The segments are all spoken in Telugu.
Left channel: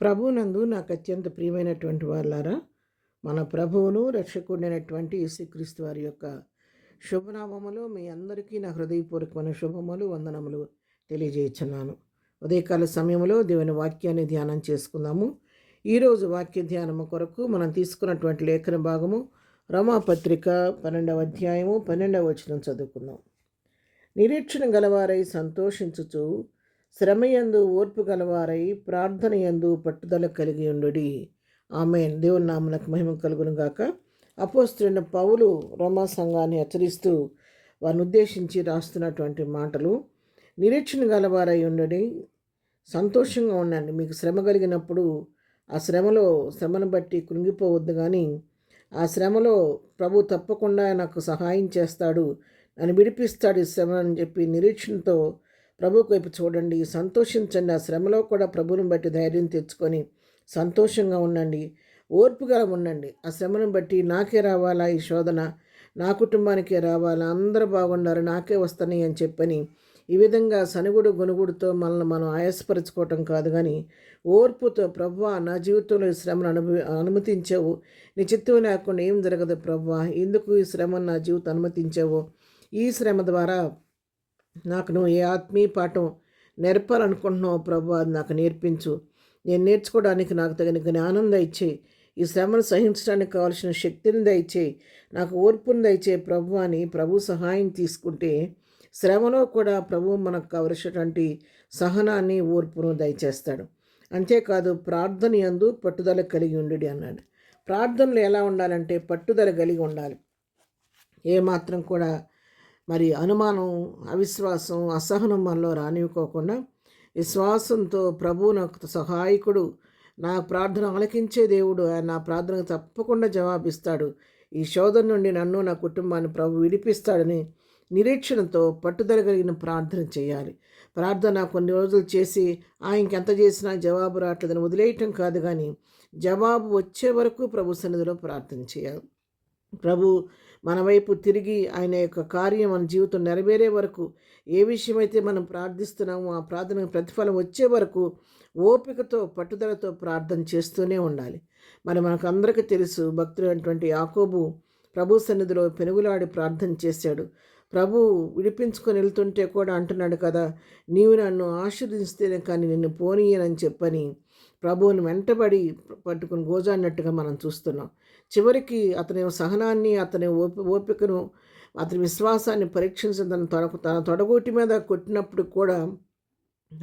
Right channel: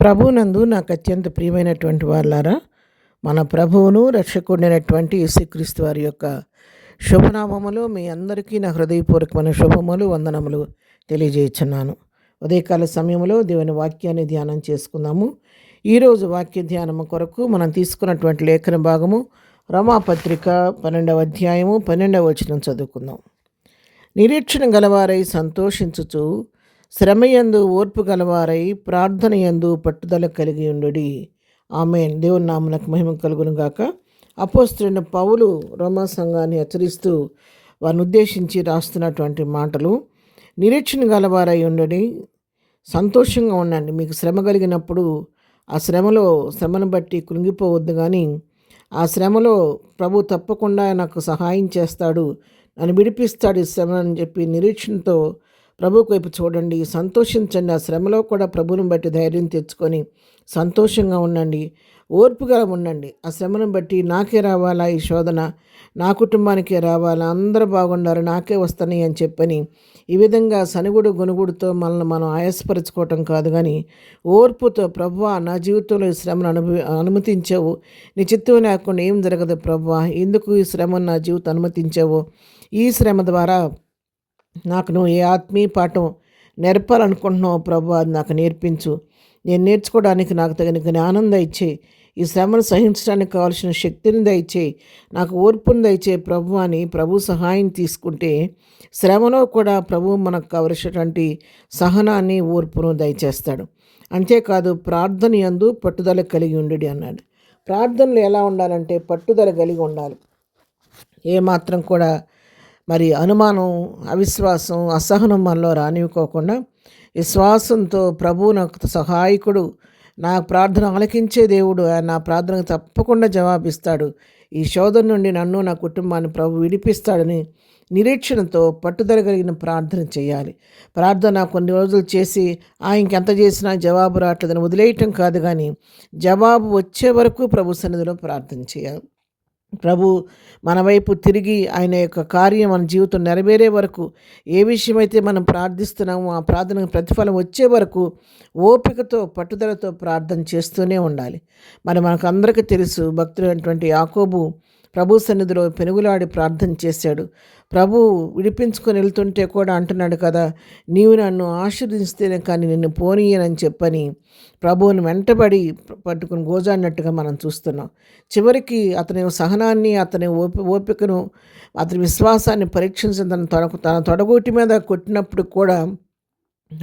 ప్రభువునందు నాకు అత్యంత ప్రియమైనటువంటి వాళ్ళారా, మన ప్రభువును రక్షకుడైనటువంటి యేసుక్రీస్తు వారి యొక్క శుభనామములో మీ అందరికీ నా హృదయపూర్వకమైన శుభములు వందనములు తెలియజేయుచున్నాను. ఉదయకాల సమయంలో దేవుని వాక్యాన్ని ధ్యానం చేసుకుందాము. ఈరోజు వాక్య ధ్యానము కొరకు మనం తీసుకున్నటువంటి లేఖన భాగము రోమాపత్రిక 12వ అధ్యాయము 12వ వచనం చదువుకుందాం. నిరీక్షణ గలవారై సంతోషించుచు శ్రమయందు ఓర్పు గలవారై ప్రార్థనయందు పట్టుదల కలిగి ఉండుడి. ఆమేన్. దేవుని నామమునకు మహిమ కలుగును గాక. అపోస్తలుడైన పౌలు రోమా సంఘాన్ని హెచ్చరిస్తూ వారిని ఉద్దేశించి రాస్తున్నటువంటి మాటలు, నిరీక్షణ గలవారై ఉండుడి, సంతోషంగా ఉండండి. మీకు శ్రమ కలిగినప్పుడు ఆ శ్రమను బట్టి కృంగిపోవద్దు, కానీ ఆ శ్రమలో ప్రభు తప్పకుండా నాకు సహాయం చేస్తాడు, నన్ను విడిపిస్తాడు ఈ శ్రమ అని చెప్పి నిరీక్షణతో ప్రభువు వైపు చూడండి, సంతోషించండి. ఆ శ్రమలో కూడా ప్రభువుని బట్టి ధైర్యం తెచ్చుకొని సంతోషంగా ఉండండి, ఓర్పుగా ఉండండి. ఆ శ్రమను బట్టి నాకే రావాలా ఈ శోధన, నా కుటుంబానికే రావాలా, అందరూ బాగుండారు, నాకే వస్తున్నాయి అని చెప్పని ఈ విధంగా సనుగుడు గొనుగుడుతో మనల్ని మనం ఆయాసపరుచుకోవటం కాదు, కానీ ఓర్పుతో, ప్రభువా నా జీవితంలో ఈ శ్రమను అనుమతించావు, నీ చిత్తం లేకుండా ఏం జరగదు ప్రభువా, ఎందుకు ఈ శ్రమను నా జీవితం అనుమతించావు, ఈ శ్రమ ద్వారా నాకు నువ్వు ఏ ఆత్మీయ పాఠం నేర్పాలనుకుంటున్నావు ప్రభు, అది నాకు నేర్పించు. నేను నేర్చుకోవడానికి నాకు తగిన జ్ఞానం దయచేయి, ఈ శ్రమను సహించడానికి కావాల్సిన శక్తిని దయచేయి, నాకు ఓర్పుని దయచేయి ప్రభు అని ప్రభు సహాయం తీసుకుంటే శ్రమలో కూడా ప్రభు మనకు కావలసినటువంటి సహనాన్ని, ఓర్పును దయచేస్తాడు. అంతేకాదు ప్రార్థన యందు పట్టుదల కలిగి ఉండుడి అన్నాడు. ప్రార్థనలు ఎలా ఉండాలంటే పట్టుదల కలిగి ఉండాలి. ఏమాత్రం కూడా అనుమానం, అవిశ్వాసం, అసహనం మనలో రానివ్వకోకుండా విశ్వాసంతో ప్రభువు నాకు సహాయకుడు, నా ప్రార్థన ఆలకించే దేవుడు, ఆయన నా ప్రార్థనకు తప్పకుండా జవాబిస్తాడు, ఈ శోధన నుండి నన్ను నా కుటుంబాన్ని ప్రభు విడిపిస్తాడని నిరీక్షణతో పట్టుదల కలిగిన ప్రార్థన చేయాలి. ప్రార్థన కొన్ని రోజులు చేసి ఇంకెంత చేసినా జవాబు రావట్లేదని వదిలేయటం కాదు, కానీ జవాబు వచ్చే వరకు ప్రభు సన్నిధిలో ప్రార్థన చేయాలి. ప్రభు మన వైపు తిరిగి ఆయన యొక్క కార్యం మన జీవితం నెరవేరే వరకు, ఏ విషయమైతే మనం ప్రార్థిస్తున్నామో ఆ ప్రార్థనకు ప్రతిఫలం వచ్చే వరకు ఓపికతో, పట్టుదలతో ప్రార్థన చేస్తూనే ఉండాలి. మనకు అందరికీ తెలుసు, భక్తుడైనటువంటి యాకోబు ప్రభు సన్నిధిలో పెనుగులాడి ప్రార్థన చేశాడు. ప్రభు విడిపించుకొని వెళ్తుంటే కూడా అంటున్నాడు కదా, నీవు నన్ను ఆశీర్వదిస్తేనే కానీ నిన్ను పోనీయనని చెప్పని ప్రభువుని వెంటబడి పట్టుకుని గోజాడినట్టుగా మనం చూస్తున్నాం. చివరికి అతని సహనాన్ని, అతని ఓపికను, అతని విశ్వాసాన్ని పరీక్షించిన తన తొడగోటి మీద కొట్టినప్పుడు కూడా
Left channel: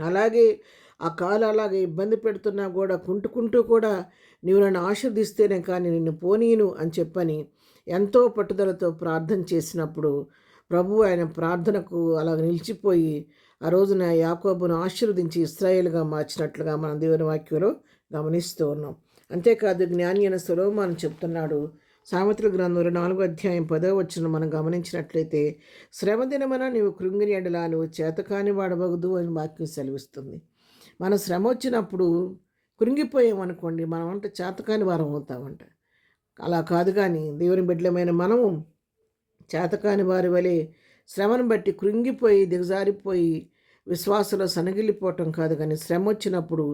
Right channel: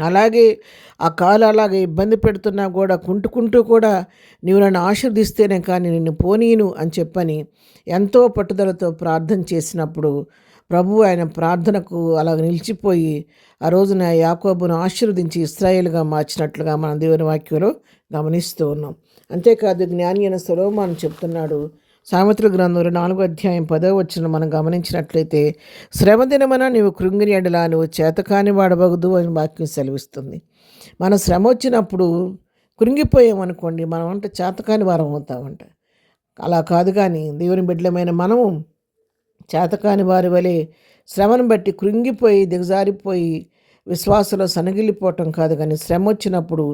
అలాగే ఆ కాలు అలాగే ఇబ్బంది పెడుతున్నా కూడా కుంటుకుంటూ కూడా నీవు నన్ను ఆశీర్దిస్తేనే కానీ నిన్ను పోనీను అని చెప్పని ఎంతో పట్టుదలతో ప్రార్థన చేసినప్పుడు ప్రభువు ఆయన ప్రార్థనకు అలా నిలిచిపోయి ఆ రోజున యాకోబును ఆశీర్వదించి ఇశ్రాయేలుగా మార్చినట్లుగా మన దేవుని వాక్యంలో గమనిస్తూ ఉన్నాం. అంతేకాదు జ్ఞాని అయిన సొలొమోను చెప్తున్నాడు, సామెతల గ్రంథంలో 4వ అధ్యాయం 10వ వచనం మనం గమనించినట్లయితే, శ్రమ దినమున నీవు కృంగిని ఎడలా నువ్వు చేతకాని వాడవగదు అని వాక్యం సెలవిస్తుంది. మన శ్రమ వచ్చినప్పుడు కృంగిపోయామనుకోండి, మనం అంటే చేతకాని వారం అవుతామంట. అలా కాదు, కానీ దేవుని బిడ్డలమైన మనము చేతకాని వారి వలె శ్రమను బట్టి కృంగిపోయి దిగజారిపోయి విశ్వాసంలో సనగిల్లిపోవటం కాదు, కానీ శ్రమ వచ్చినప్పుడు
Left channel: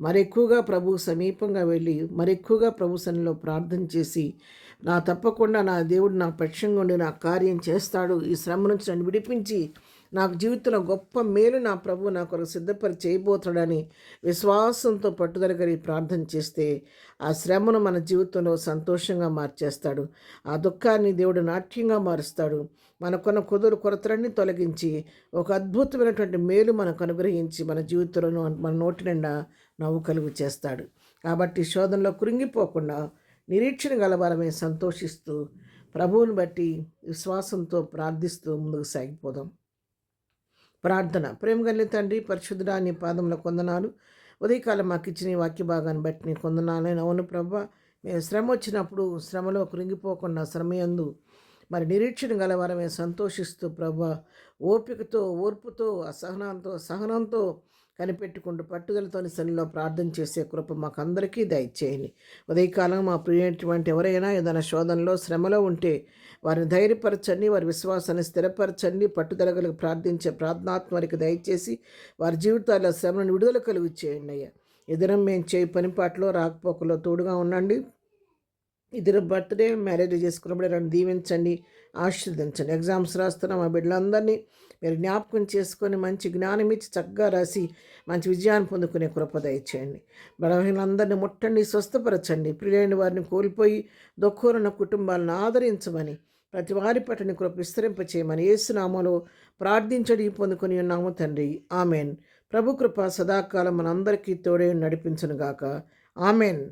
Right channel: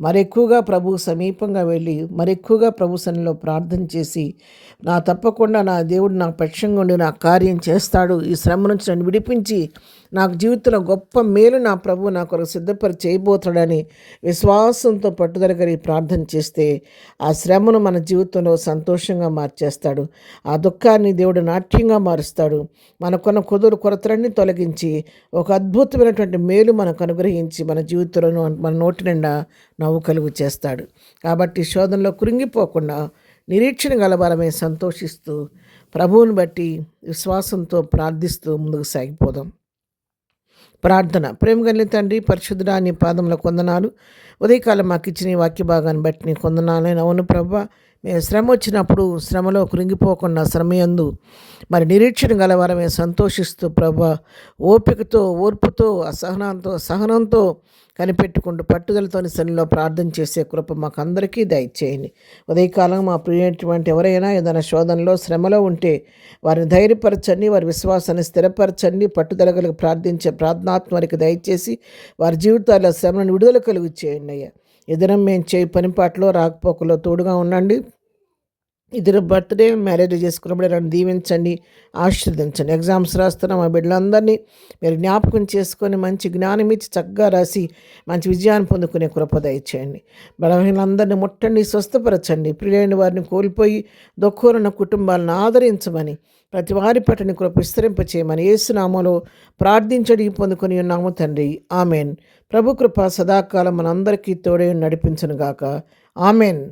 మరెక్కువగా ప్రభు సమీపంగా వెళ్ళి మరెక్కువగా ప్రభు సన్నిధిలో ప్రార్థన చేసి, తప్పకుండా నా దేవుడు నా పక్షంగా ఉండి నా కార్యం చేస్తాడు, ఈ శ్రమ నుంచి నన్ను విడిపించి నాకు జీవితంలో గొప్ప మేలు నా ప్రభు నా కొరకు సిద్ధపరి చేయబోతాడని విశ్వాసంతో పట్టుదల కలిగి ప్రార్థన చేస్తే ఆ శ్రమను మన జీవితంలో సంతోషంగా మార్చేస్తాడు. ఆ దుఃఖాన్ని దేవుడు నాట్యంగా మారుస్తాడు. మనకున్న కొరతలన్నీ తొలగించి ఒక అద్భుతమైనటువంటి మేలు మనకు అనుగ్రహించి మన జీవితంలో మన నోటి నిండా నవ్వు కలుగు చేస్తాడు. కాబట్టి శోధనలో కృంగిపోకుండా నిరీక్షణ గలవారమే సంతోషిస్తూ ప్రభువుని బట్టి విశ్వాసంతో ప్రార్థిస్తూ ముందుకు సాగిపోదాం. ప్రార్థన. ప్రేమ కలిగిన తండ్రి, పరిశుద్ధుడా, నీ పాదముల కొందనాలు. ఉదయకాలం మాకు ఇచ్చిన వాక్య భాగాన్ని బట్టి నీ కొందనాలు. అవును ప్రభా, మేము శ్రమ వచ్చినప్పుడు శ్రమలో కృంగిపోకుండా శ్రమయందు నిరీక్షణ గలవారమే సంతోషిస్తూ ప్రభా ఓపికతో, ఓర్పుతో, సహనంతో కనిపెట్టుకుంటూ పట్టుదలతోని సన్నిలో ప్రార్థన చేసే కృప మాకు అందరికీ దయచేయండి. ఉదయకాలం మా ప్రియమైనటువంటి ఎవరైనా ఏదైనా శోధనలో, శ్రమలో ఉంటే వారిని ధైర్యపరచండి, వారి విశ్వాసాన్ని స్థిరపరచండి, పట్టుదల కలిగి ప్రార్థించే ప్రార్థనాత్మ వారికి దయచేసి వారి జీవితాల్లో శ్రమను విడుదల కలిగి చేయండి అయ్యా. ఇద్దరం మేము చేయి పనిపాట్లో రాకపోకలో తోడుగా ఉండండి. ఇద్దరు బర్త్డే మ్యారేజ్ చేసుకున్నప్పుడు నన్ను దీవించండి, ఆశీర్వదించండి. ఎగ్జామ్స్ రాస్తున్న మా బిడ్డలందరినీ మీరు జ్ఞాపకం చేసుకొని మంచి జ్ఞానం ఇచ్చి చక్కగా రాసి మంచి విజయాన్ని పొందుకునే కృప దయచేయండి. బలహీనందరినీ ముట్టండి, స్వస్థపరచండి. ప్రియులైన వారిని కోల్పోయి దుఃఖులున్న కుటుంబాలను ఆదరించమని, ప్రతి వారి పట్ల కృప విస్తరింపచేయమని యేసునామములో ప్రార్థించడి పొందుకొని ఉన్నాము తండ్రి. ఆమెన్. ప్రభు కృప సదాకాలం మనందరికీ తోడే నడిపించునుగాక. ఆమెన్.